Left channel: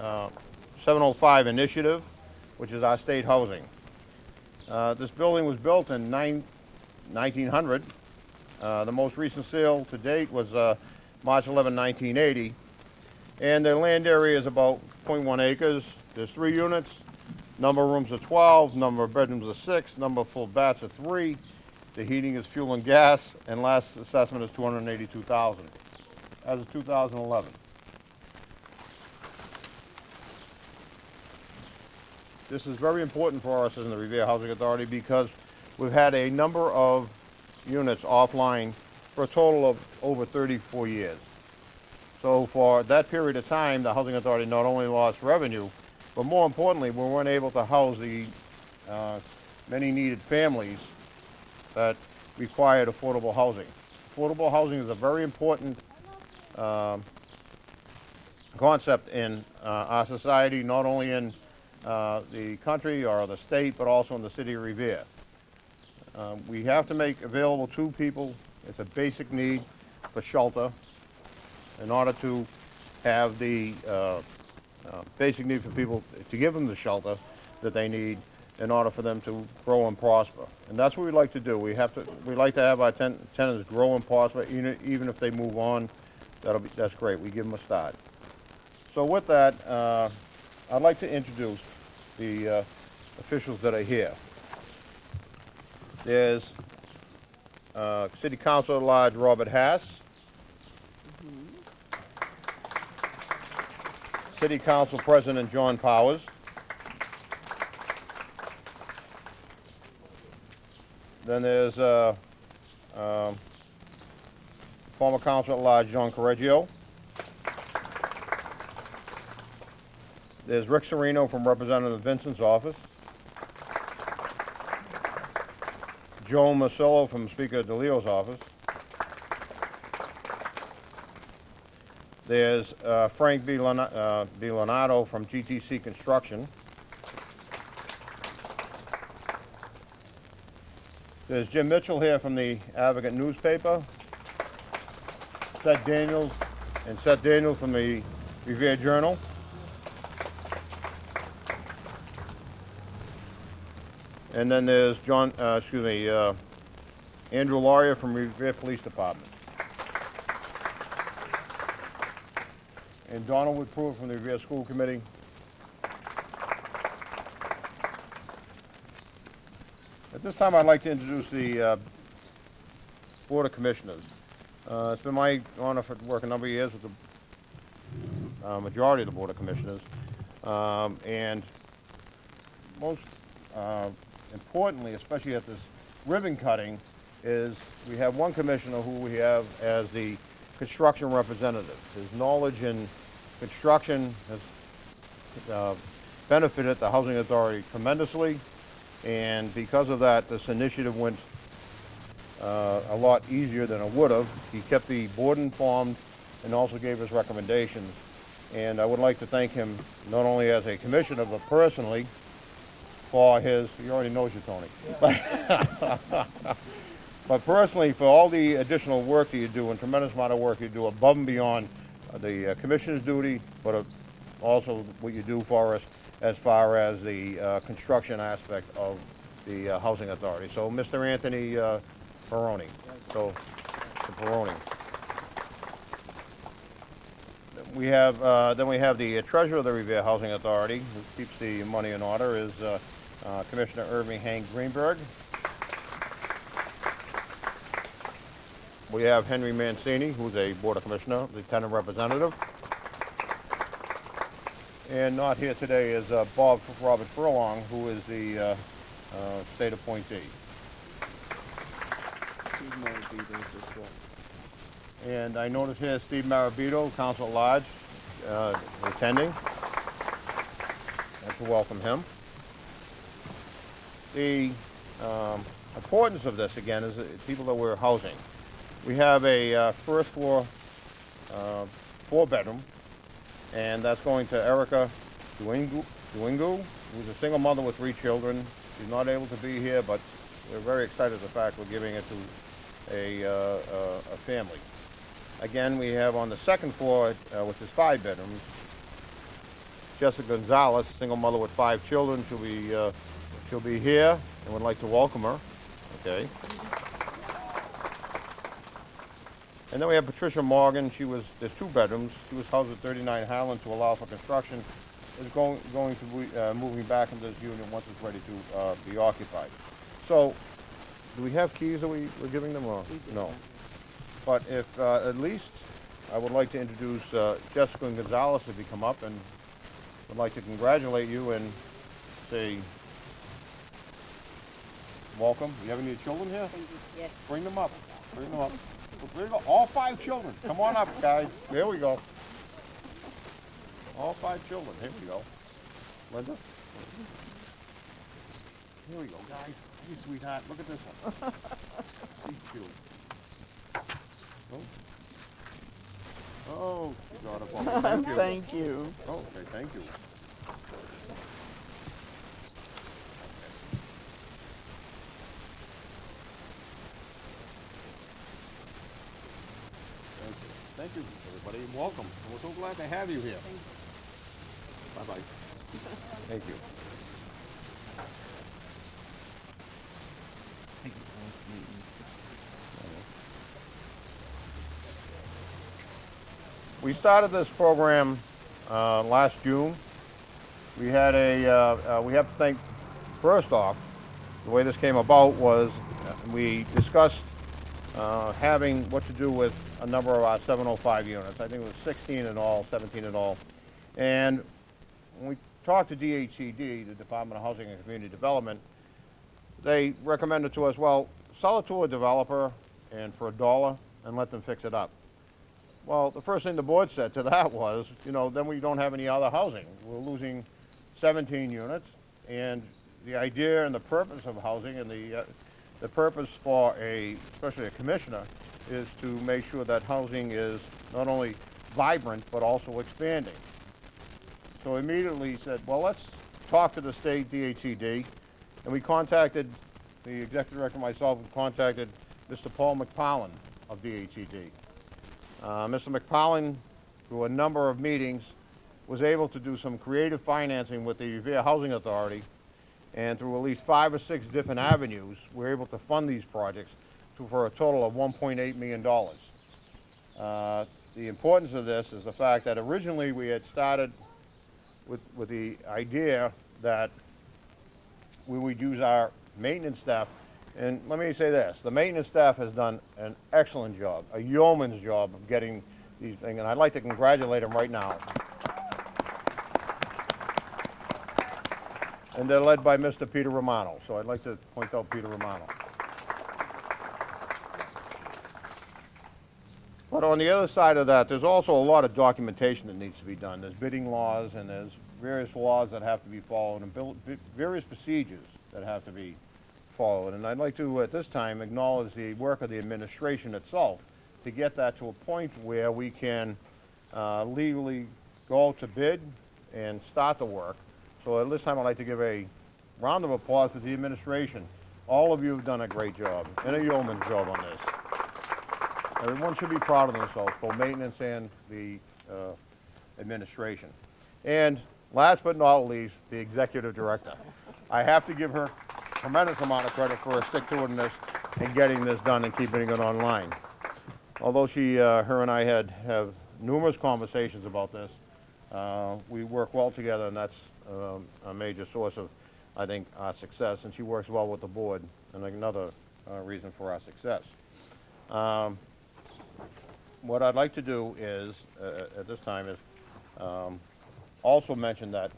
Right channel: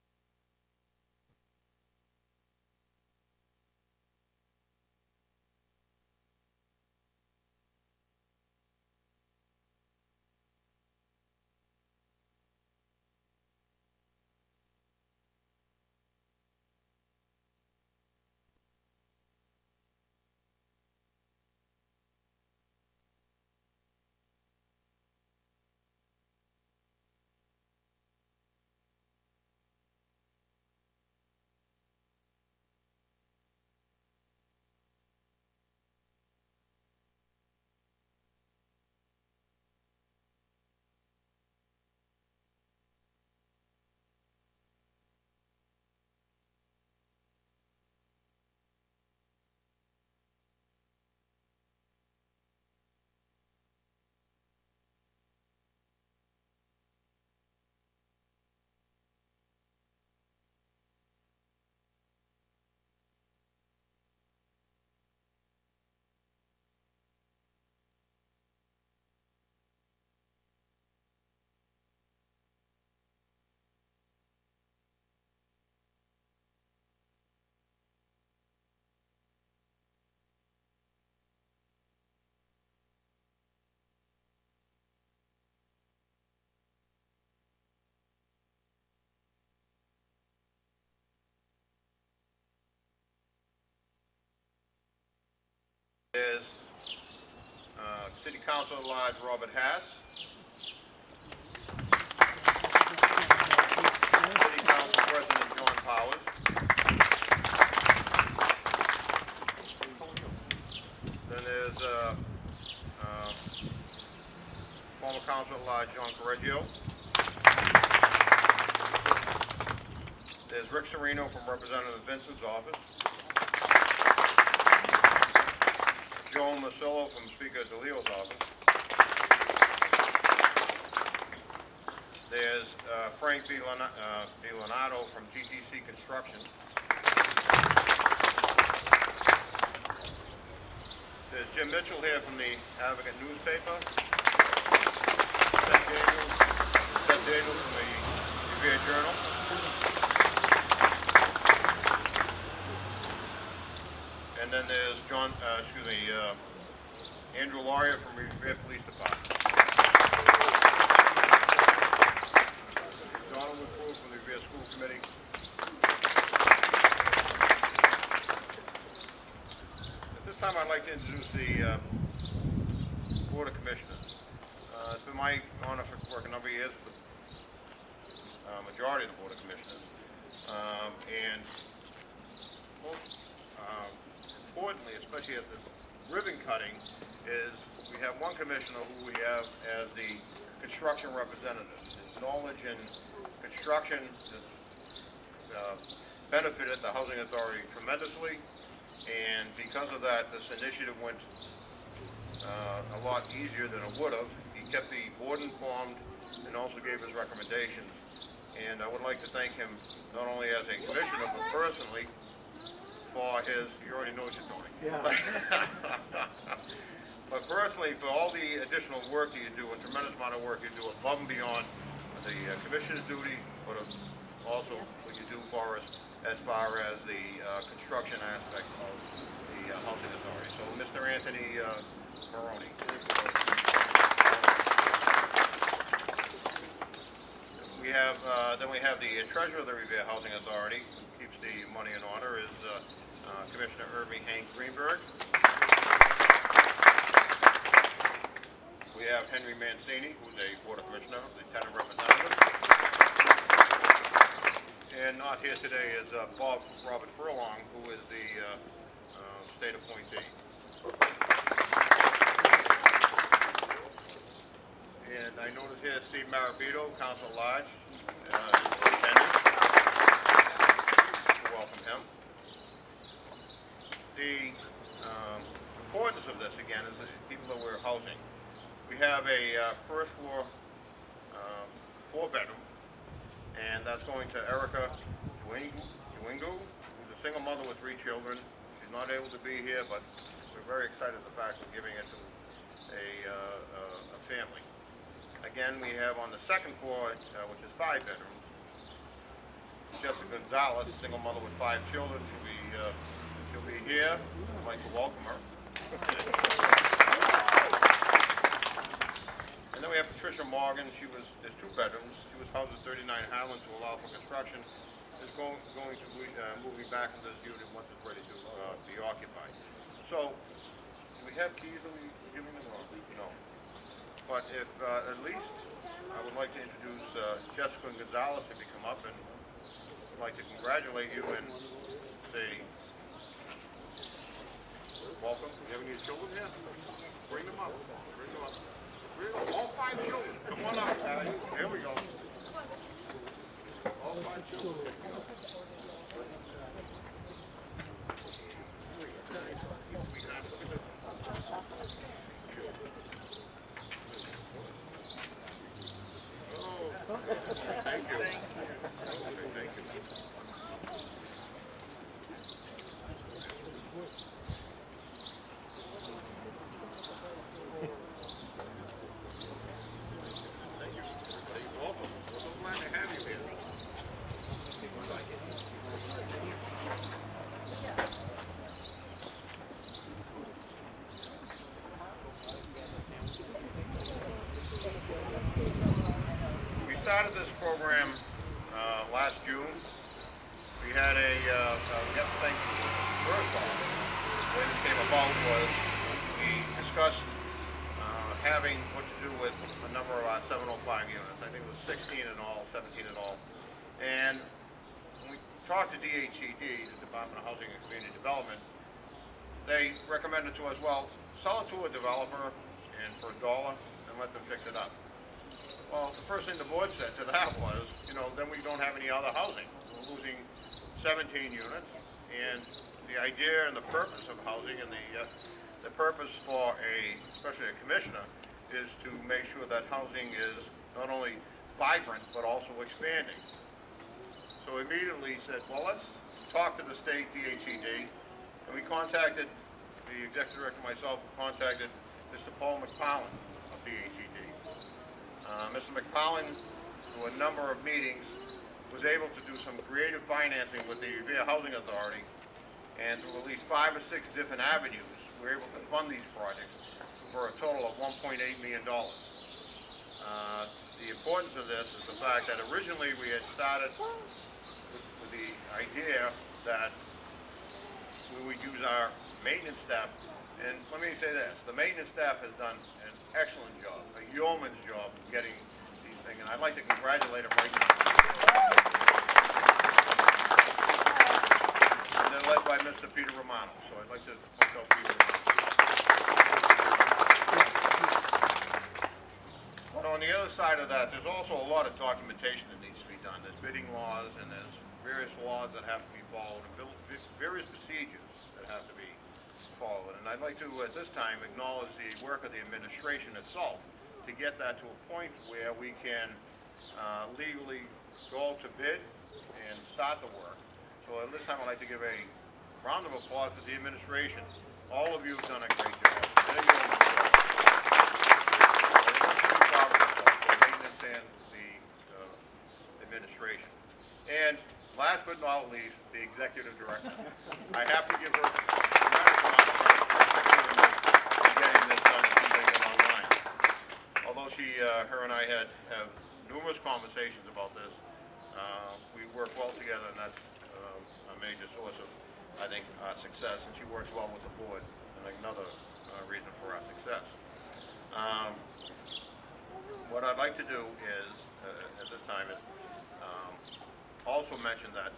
705 initiative, which is our state housing. This building was built in 1900. The most recent sale to date was March 11, 1980. And the land area is about 0.1 acres. There's 3 units. Number of rooms are 12. Number of bedrooms are 6. Number of full baths are 3. The heating is fuel and gas. And last assessment is $282,000 as of 2011. This is very important for us in the Revere Housing Authority because we've had a number of units offline for a total of over 34 years. So for that period of time, the Housing Authority not only lost revenue, but more importantly, we weren't able to house the many needed families that required affordable housing. Affordable housing is a very important concept in our society, not only in the country or the state, but also in the city of Revere. We have to make available to people, it's a basic need for shelter in order to have the basic need for people to give them the shelter that they need in order for them to grow and prosper. And that's what we like to do. We like to have our tenants grow and prosper, even if they move on. That's great. We give them a start. So with that, I'd like to introduce the officials that are here. There's City Council at Large Robert Hass, City Council President John Powers, then there's former Council at Large John Correggio. There's Rick Serino from Representative Vincent's office. Joe Marcello from Speaker DeLeo's office. There's Frank B. Leonardo from GTC Construction. There's Jim Mitchell here from the Advocate newspaper. Seth Daniels from the Revere Journal. And then there's Andrew Laurier from Revere Police Department. And Donald Woodford from the Revere School Committee. At this time, I'd like to introduce the Board of Commissioners. It's been my honor to work a number of years with the majority of the Board of Commissioners. And most importantly, especially at this ribbon cutting, is we have one commissioner who we have as the construction representative. His knowledge in construction has benefited the Housing Authority tremendously, and because of that, this initiative went a lot easier than it would have. He kept the board informed and also gave his recommendations, and I would like to thank him not only as a commissioner, but personally for his, he already knows you, Tony. Yeah. But personally, for all the additional work that you do, and tremendous amount of work you do above and beyond the commissioner's duty, but also what you do for us as far as the construction aspect of the Housing Authority. So, Mr. Anthony Peroni. So, we have then we have the treasurer of the Revere Housing Authority, who keeps the money in order, is Commissioner Irving Hank Greenberg. We have Henry Mancini, who's a Board of Commissioner, Lieutenant Representative. And not here today is Robert Furlong, who is the state appointee. And I notice here Steve Marabito, Council at Large, attending. I'd like to welcome him. The importance of this, again, is the people that we're housing. We have a first floor 4-bedroom, and that's going to Erica Duingu, who's a single mother with 3 children. She's not able to be here, but we're very excited at the fact we're giving it to a family. Again, we have on the second floor, which is 5 bedrooms, Jessica Gonzalez, single mother with 5 children. She'll be here, and would like to welcome her. Okay. And then we have Patricia Morgan. There's 2 bedrooms. She was housed at 39 Highland to allow for construction. Is going to be moving back into this unit once it's ready to be occupied. So, do we have keys that we're giving them or no? But if at least I would like to introduce Jessica Gonzalez if you come up, and would like to congratulate you and say welcome. You have any children here? Yes. Bring them up. Bring them up. All 5 children. Come on up, guys. There we go. All 5 children. Here we go. Linda? Here we go, guys. You sweetheart. Look at this. She's cute. Oh, thank you. Thank you. Okay, thank you. Thank you, everybody. Welcome. We're so glad to have you here. Bye-bye. Thank you. We started this program last June. We have to think, first off, the way this came about was we discussed having what to do with a number of our 705 units. I think it was 16 in all, 17 in all. And when we talked to DHCD, the Department of Housing and Community Development, they recommended to us, well, sell it to a developer and for $1 and let them fix it up. Well, the first thing the board said to that was, then we don't have any other housing. We're losing 17 units, and the idea and the purpose of housing and the purpose for especially a commissioner, is to make sure that housing is not only vibrant but also expanding. So immediately said, well, let's talk to the state DHCD, and we contacted the executive director and myself. We contacted Mr. Paul McFarland of DHCD. Mr. McFarland, through a number of meetings, was able to do some creative financing with the Revere Housing Authority, and through at least 5 or 6 different avenues, we were able to fund these projects for a total of $1.8 million. The importance of this is the fact that originally we had started with the idea that we would use our maintenance staff. And let me say this, the maintenance staff has done an excellent job, a yeoman's job of getting these things, and I'd like to congratulate them right now. And they're led by Mr. Peter Romano, so I'd like to point out Peter Romano. But on the other side of that, there's also a lot of documentation that needs to be done. There's bidding laws, and there's various laws that have to be followed, and various procedures that have to be followed. And I'd like to, at this time, acknowledge the work of the administration itself to get that to a point where we can legally go to bid and start the work. So at this time, I'd like to give a round of applause to the administration. All of you have done a great job, and a yeoman's job on this. Everyone should be proud of themselves, both maintenance and the administration. And last but not least, the executive director. I have to give her a tremendous amount of credit for her stick-to-itiveness in getting this done and keeping it online. Although her and I have numerous conversations about this, we work well together, and that's a major source of, I think, our success. And she works well with the board, and another reason for our success. What I'd like to do is, at this time, is also mention that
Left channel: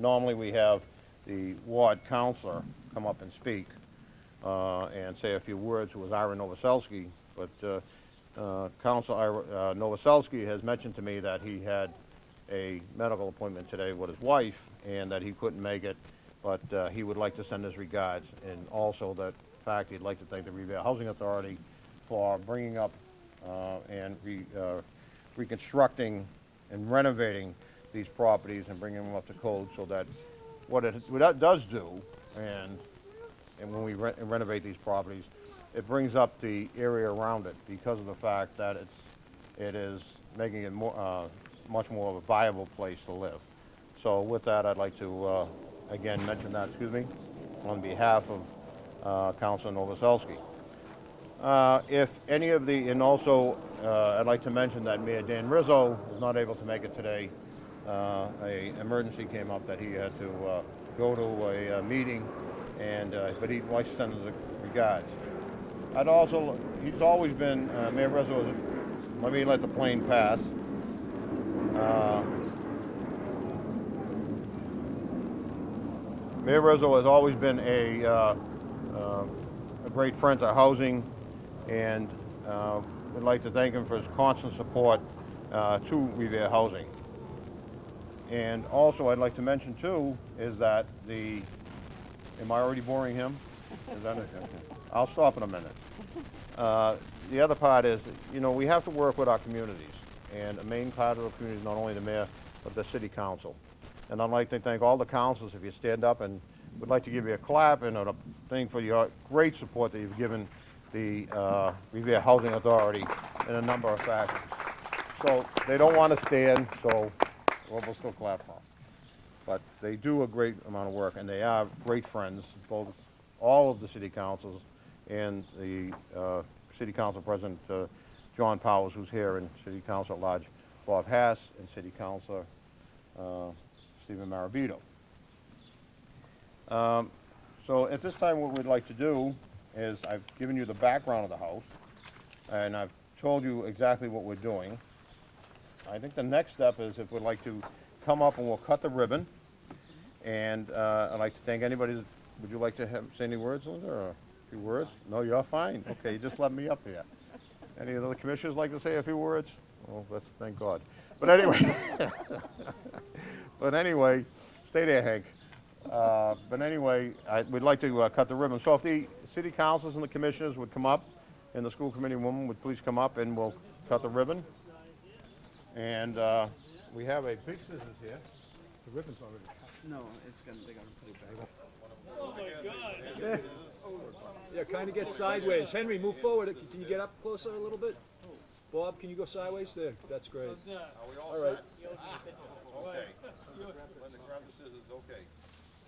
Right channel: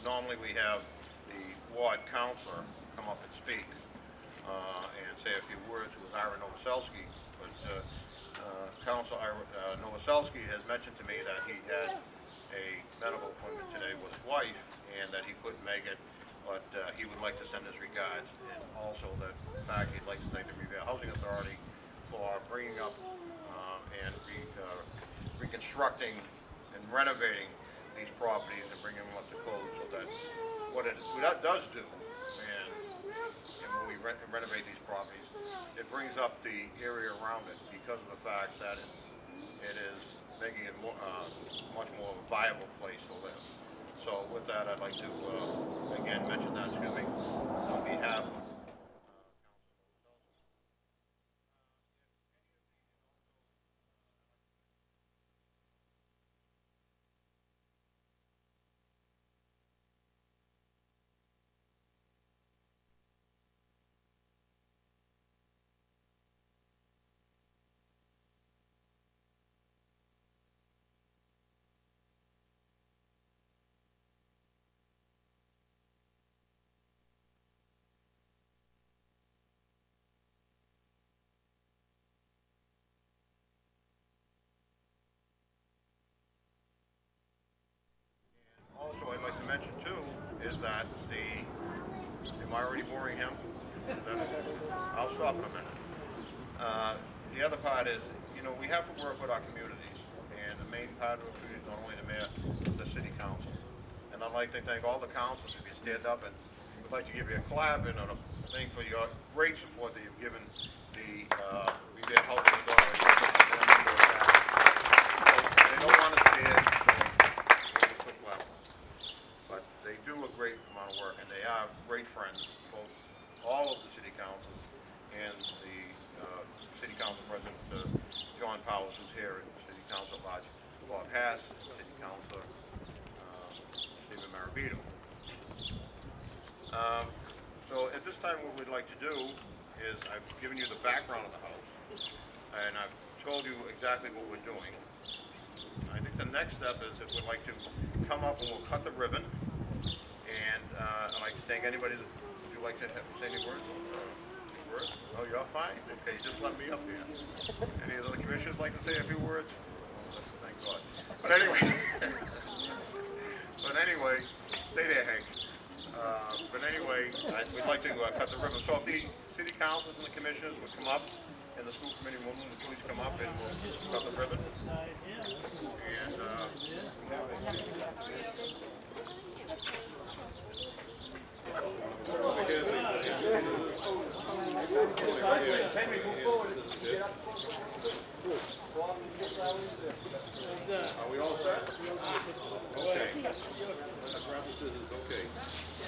normally we have the ward counselor come up and speak and say a few words with Ira Novoselsky, but Councilor Novoselsky has mentioned to me that he had a medical appointment today with his wife and that he couldn't make it, but he would like to send his regards, and also the fact he'd like to thank the Revere Housing Authority for bringing up and reconstructing and renovating these properties and bringing them up to code, so that what it does do, and when we renovate these properties, it brings up the area around it because of the fact that it is making it much more of a viable place to live. So with that, I'd like to, again, mention that, on behalf of Councilor Novoselsky. If any of the, and also, I'd like to mention that Mayor Dan Rizzo is not able to make it today. A emergency came up that he had to go to a meeting, and but he'd like to send his regards. He's always been, Mayor Rizzo is, let me let the plane pass. Mayor Rizzo has always been a great friend to housing, and we'd like to thank him for his constant support to Revere Housing. And also, I'd like to mention too is that am I already boring him? I'll stop in a minute. The other part is, we have to work with our communities, and the main part of the community is not only the mayor, but the city council. And I'd like to thank all the councilors if you stand up, and would like to give you a clap and a thing for your great support that you've given the Revere Housing Authority in a number of facets. So they don't want to stand, so we'll still clap for them. But they do a great amount of work, and they are great friends, both all of the city councils and the city council president, John Powers, who's here, and city council at large, Bob Hass, and city councilor Stephen Marabito. So at this time, what we'd like to do is I've given you the background of the house, and I've told you exactly what we're doing. I think the next step is if we'd like to come up and we'll cut the ribbon, and I'd like to thank anybody. Would you like to say any words over there? A few words? No, you're fine. Okay, just let me up there. Any of the commissioners like to say a few words? Well, let's thank God. But anyway, stay there, Hank. But anyway, we'd like to cut the ribbon. So if the city councils and the commissioners would come up, and the school committee woman would please come up, and we'll cut the ribbon. And we have a picture here. Can you get sideways? Henry, move forward. Can you get up closer a little bit? Bob, can you get sideways there? That's great. Are we all set? Okay. Okay.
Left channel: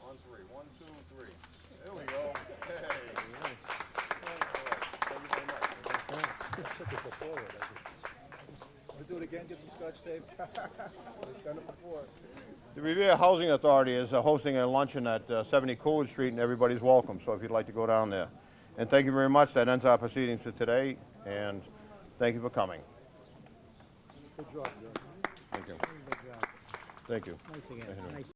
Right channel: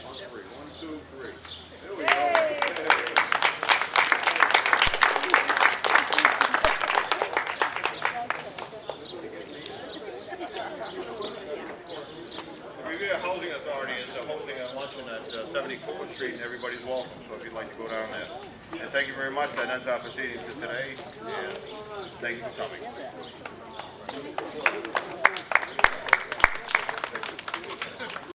On three. 1, 2, 3. There we go. The Revere Housing Authority is hosting a luncheon at 70 Coolidge Street, and everybody's welcome, so if you'd like to go down there. And thank you very much. That ends our proceedings for today, and thank you for coming. Thank you.